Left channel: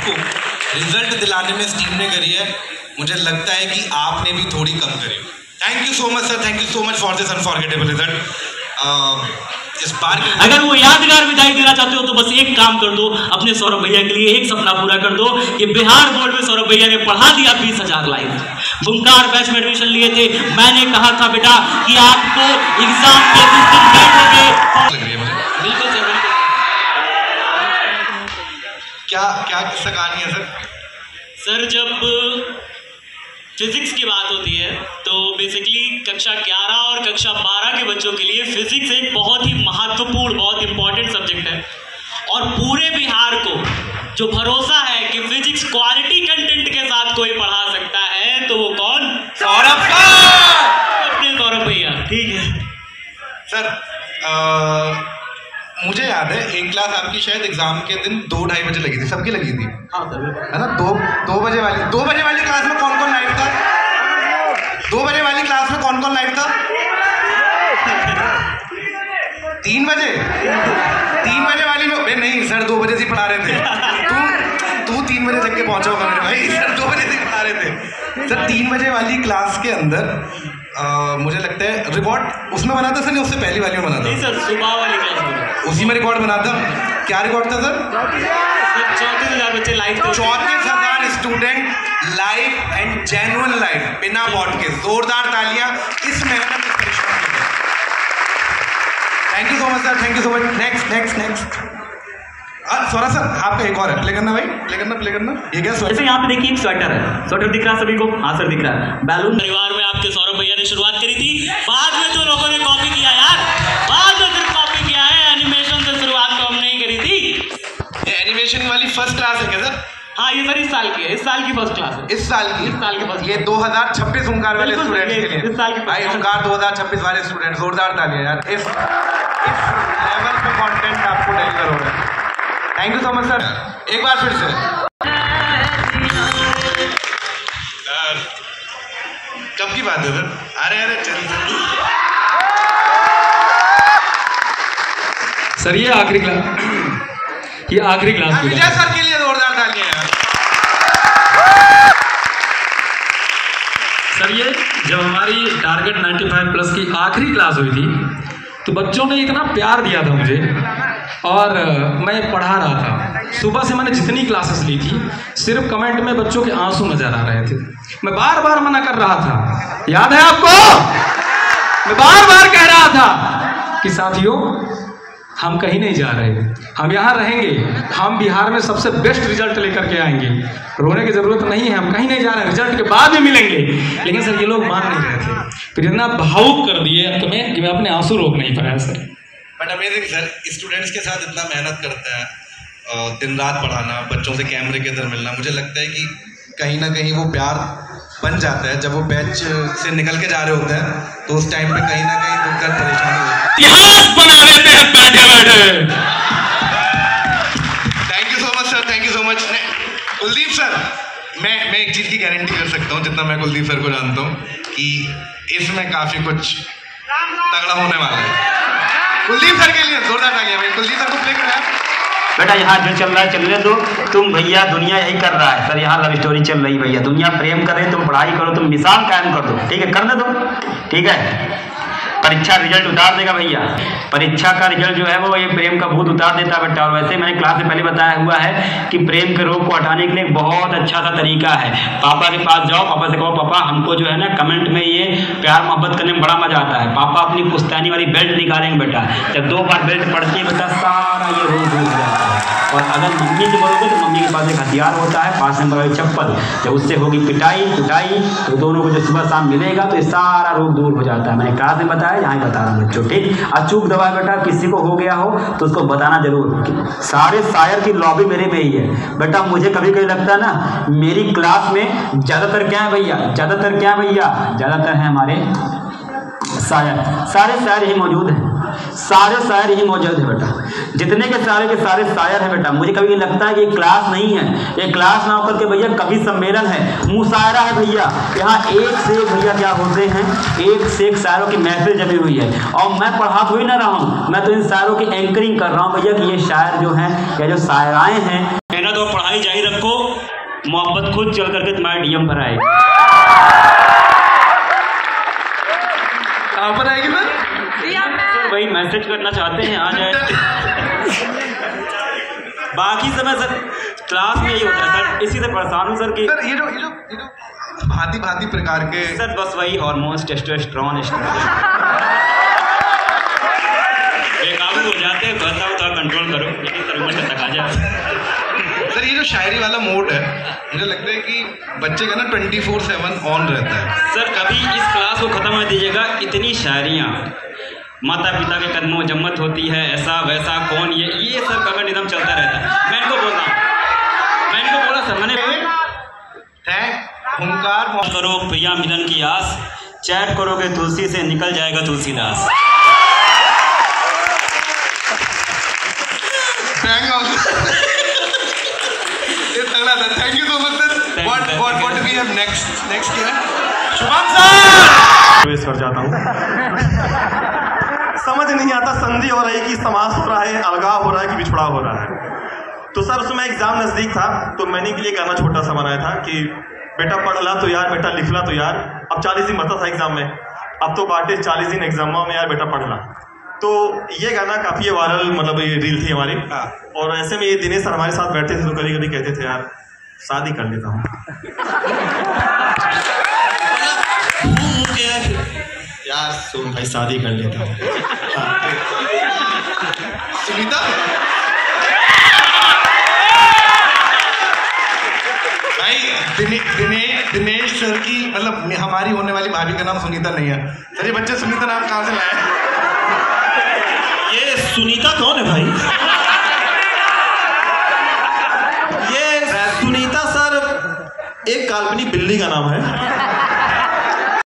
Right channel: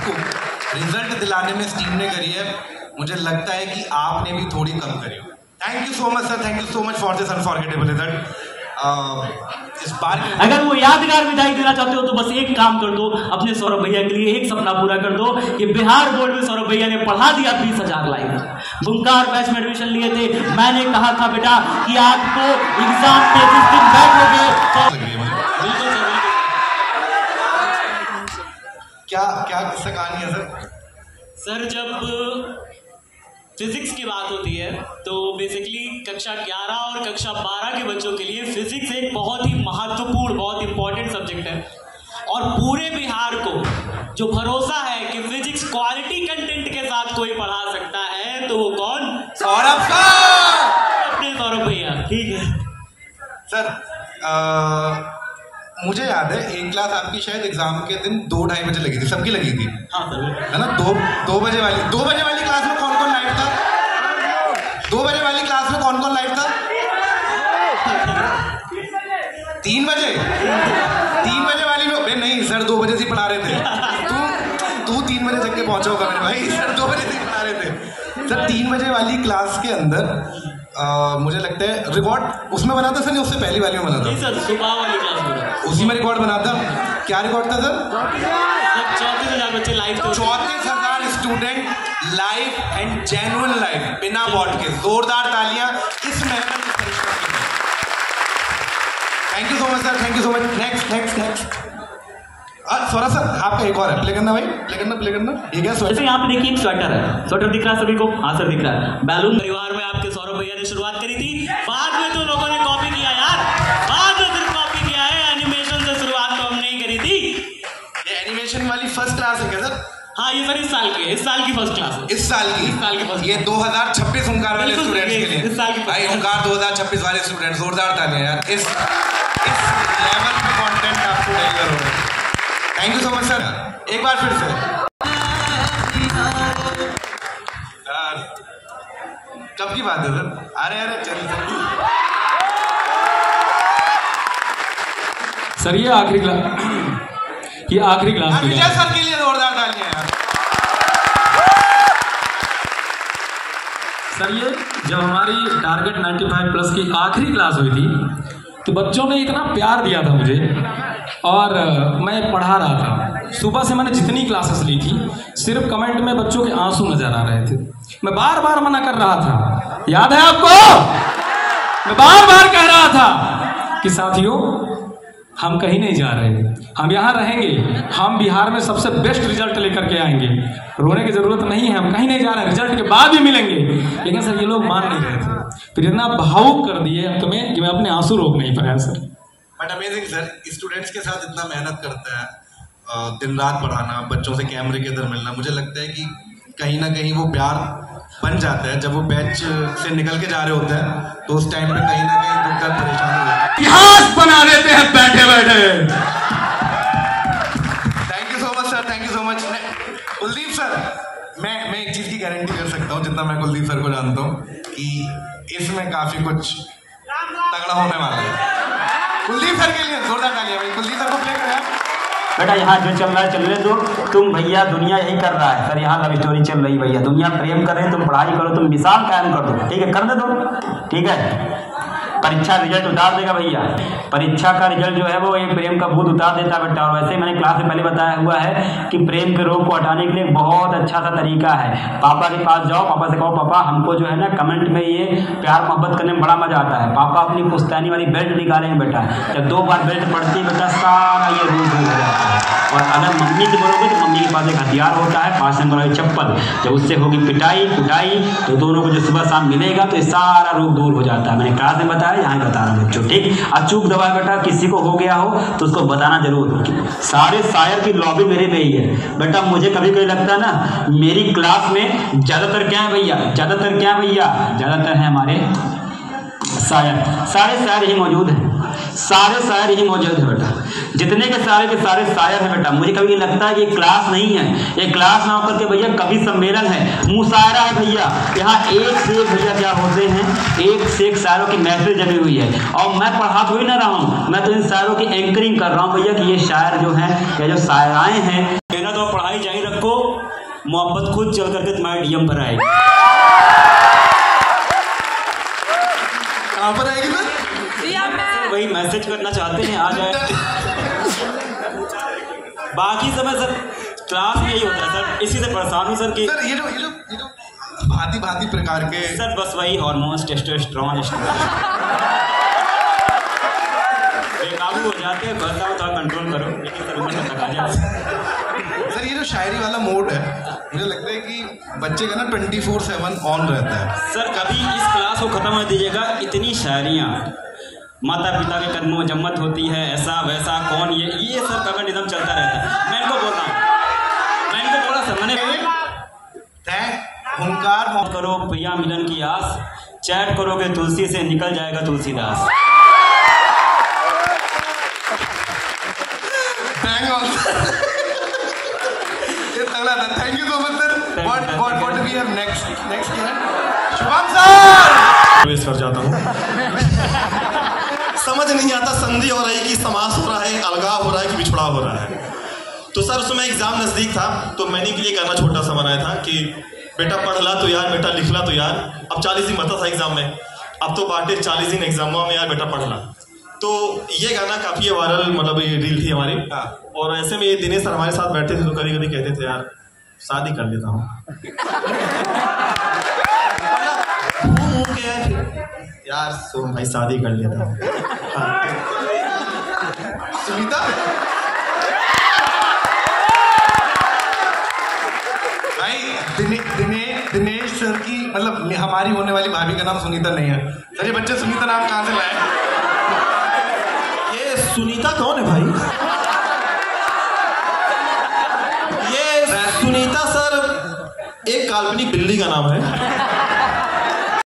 आपको रिजल्ट दिलाने में टीम ने करी है, मुझे लगता है कि आपने भी थोड़ी कम करी। Thank you so much sir, thank you so much for this unforgettable result. इस बार अगर वो यादगार विदाई देना चाहते हो तो बस एक काम कर दो, अपने सौरभ भैया के लिए एक सपना पूरा कर दो कि बिहार बोर्ड में सौरभ भैया ने पढ़ा दिया 20,000 लाइन। बुमकार बैच में एडमिशन लिए थे, मैंने कहा था बेटा कि आपको एग्जाम के जिस दिन बैठोगे बिल्कुल सर, क्या क्या किस्सा कहानी है सर? सर जब फिजिक्स की बात होती है तो बेसिकली कक्षा 11 और कक्षा 12 के बच्चों के लिए फिजिक्स एक बहुत ही महत्वपूर्ण, बहुत इंपॉर्टेंट सब्जेक्ट है। और पूरे बिहार को जो भरोसा है कि फिजिक्स क्वालिटी कंटेंट के साथ कोई पढ़ा सकता है तो वो कौन? सौरभ सौरभ भैया। ठीक है सर, मुझे याद है एक क्लास आपकी शायद एग्जाम के दिन 2-2:30 बजे लगी थी, सबकी लगी थी। हाँ सर, है ना? 2 बजे वाली क्लास में कौन कौन लाइव था? 2 बजे वाली क्लास में कौन कौन लाइव था? 3 बजे वाली में नहीं सर, 2 बजे से पढ़ा रहे थे। तू 3 बजे जग के पहुंचा होगा मेरे भाई, सर 2 बजे से पढ़ा रहे थे। सर 3 बजे वाली क्लास के अंदर मुझे लगता है रिकॉर्ड उसमें बना था सर, नहीं उससे पहली वाली में बना था? नहीं सर, सुबह वाली क्लास में उसी में रिकॉर्ड बना था। क्या रिकॉर्ड था सर? 34,000 बच्चे लाइव थे। 34,000 student live and genuine live, बिना बॉट के। जोरदार तालियां इस मेहनत में करिश्मा के लिए। Thank you so much sir, thank you so much. Next Swara sir, आपका एक और है, प्ले करना भाई, प्ले करना। ये क्या जैसे यहाँ पे देखिए स्वेटर है, स्वेटर दिख रहा है सभी को? हाँ सर दिख रहा है। बैलून परिवार में आपके सौरभ भैया ने शुरुआत करी थी, बाद में तो लोगों ने कॉपी किया यार, बाद में फिर कॉपी किया है। एनिमेशन से शुरुआत तो हम नहीं करी थी। ये एनिमेशन वाली फर्स्ट क्लास है क्या सर? हाँ ये सर इस साल की है, इस साल की फर्स्ट क्लास है। इस साल की फर्स्ट। ये 2026 ओंकार वाले स्टूडेंट्स के लिए, इस साल की भाई ओंकार 2026 वाले स्टूडेंट, जोरदार तालियां यार। इस लेवल पे कंटेंट आपको डिलीवर हो रहा है। Thank you so much sir, एक बार फिर से। कब की बात है सर? अरे चल सर, ये आखिरी क्लास विजय सर के लिए जोरदार तालियां यार। सर ये जब हमारी टारगेट 95+ की आखिरी क्लास हुई थी तो बच्चों ने इतना प्यार दिया था मुझे, और मैं पढ़ा रहा था। सुबह से मैंने जितनी क्लासेस ली थी, सिर्फ कमेंट में बच्चों के आंसू नजर आ रहे थे। मैं बार बार मना कर रहा था, याद है आपको? मैं बार बार कह रहा था कि साथियों हम कहीं नहीं जा रहे, हम यहाँ रहेंगे, हम बिहार में सबसे बेस्ट रिजल्ट लेकर के आएंगे। रोने की जरूरत नहीं है, हम कहीं नहीं जा रहे, रिजल्ट के बाद भी मिलेंगे। लेकिन सर ये लोग मान नहीं रहे थे, फिर इतना भावुक कर दिए कि मैं अपने आंसू रोक नहीं पाया sir. But amazing sir, students के साथ इतना मेहनत करते हैं, दिन रात पढ़ाना, बच्चों से कैमरे के अंदर मिलना, मुझे लगता है कि कहीं ना कहीं वो प्यार बन जाता है। जब वो बैच से निकल के जा रहे होते हैं तो उस टाइम पे कहीं ना कहीं दिक्कत परेशानी होती है। इतिहास बना लेते हैं बैठे बैठे। Thank you so much sir, thank you so much. Kuldeep sir, मैं एक चीज की गारंटी कर सकता हूँ, जितना मैं कुलदीप सर को जानता हूँ, कि इसमें काफी कुछ तगड़ा होने वाला है। कुलदीप सर के लिए जोरदार तालियां भाई। कुलदीप सर को प्ले करना है बेटा। यहाँ जो चल रहा है चलने दो तुम भैया, दुनिया यही कर रहा है सर। यहाँ लव स्टोरी चल रही भैया, दुनिया प्रेम करे, तुम पढ़ाई करो, तुम मिसाल कायम कर दो। ठीक है, कर दे दो, ठीक है। परीक्षा रिजल्ट उतार देगा भैया, परीक्षा का रिजल्ट जो है वो ये प्रेम का भूत उतार देता है बेटा। और वैसे मैंने क्लास में पहले बताया हुआ है कि प्रेम के रोग को हटाने के लिए बहुत अच्छा सा तरीका है। पापा के पास जाओ, पापा से कहो पापा हमको जो है ना कमेंट में ये प्यार मोहब्बत करने में बड़ा मजा आता है। पापा अपनी पुश्तैनी वाली बेल्ट निकालेंगे बेटा, जब 2 बार बेल्ट पड़ती है बेटा सारा ये रोग दूर हो जाता है। और अगर मम्मी की बोलोगे तो मम्मी के पास एक हथियार होता है 5 नंबर वाली चप्पल, जब उससे होगी पिटाई तो दोनों को जो सुबह शाम मिलेगा तो ये सारा रोग दूर हो जाता है। मैंने क्लास में बताया, यहाँ बता रहा हूँ बच्चों, ठीक। अचूक दवा बेटा किसी को हो गया हो तो उसको बताना जरूर। सारे शायर की लॉबी मेरे में ही है बेटा। मुझे कभी कभी लगता है ना मेरी क्लास में ज्यादातर क्या है भैया, ज्यादातर है हमारे शायर। सारे शायर ही मौजूद हैं, सारे शायर ही मौजूद है बेटा। जितने के सारे शायर हैं बेटा। मुझे कभी ये लगता है कि ये क्लास नहीं है, ये क्लास ना होकर के भैया कवि सम्मेलन है, मुशायरा है भैया। यहाँ एक से एक भैया क्या होते हैं, एक से एक शायरों की महफिल जमी हुई है। और मैं पढ़ा थोड़ी ना रहा हूँ, मैं तो इन शायरों की एंकरिंग कर रहा हूँ भैया कि ये शायर जो हैं या जो शायराएं हैं। मेहनत और पढ़ाई जारी रखो, खुद चल करके तुम्हारे डीएम पर आएगी। कहाँ पर आएगी सर? वही मैसेज करना चाहते हैं आ जाए। बाकी समय सर क्लास में यही होता है सर, इसी से परेशान हूँ सर कि सर ये जो भांति भांति प्रकार के सर बस वही हार्मोन्स टेस्टोस्टेरोन बेकाबू हो जाते हैं। बस आप थोड़ा कंट्रोल करो, लेकिन सर उम्र तक आ जाए। सर ये जो शायरी वाला मोड है, मुझे लगता है कि बच्चे का ना 24/7 ऑन रहता है। सर कभी इस क्लास को खत्म कर दीजिएगा, इतनी शायरियाँ माता पिता के कदमों जम्मत होती है, ऐसा वैसा कौन ये सब का निज़म चलता रहता है। मैं इनको बोल सर मैंने हुंकार करो प्रिया मिलन की आस, चैट करोगे तुलसी से निकल जाएगा Tulsidas. Thank you so much sir. What we have next क्या है? शुभम सर प्रवेश कर जाता हूँ। समझ नहीं आता संधि हो रही कि समास हो रहा है, अलगाव हो रहा है कि बिछड़ा हो रहा है। तो सर उसमें एग्जाम नजदीक था, तो मैंने के लिए गाना छोटा सा बनाया था कि बेटा पढ़ ला तो यार, बेटा लिख ला तो यार। अब 40 दिन बता था एग्जाम में, अब तो बांटे 40 दिन एग्जामों में यार बेटा पढ़ ला। तो ये गाना काफी वायरल, मतलब ये रील थी हमारी। और ऐसे में ये दिनेश सर हमारे साथ बैठते थे तो कभी कभी कहते थे यार शादी कर लेता हूँ यार सुन भाई शादी कर लेता हूँ। सुनीता भाई दिनेश सर की, मतलब हमारी होने वाली भाभी का नाम सुनीता नहीं है सर। ये बच्चे सुनीता नाम कहाँ से लाए? ये सुनीता कौन है भाई? ये सुनीता सर एक काल्पनिक बिल्ली का नाम है।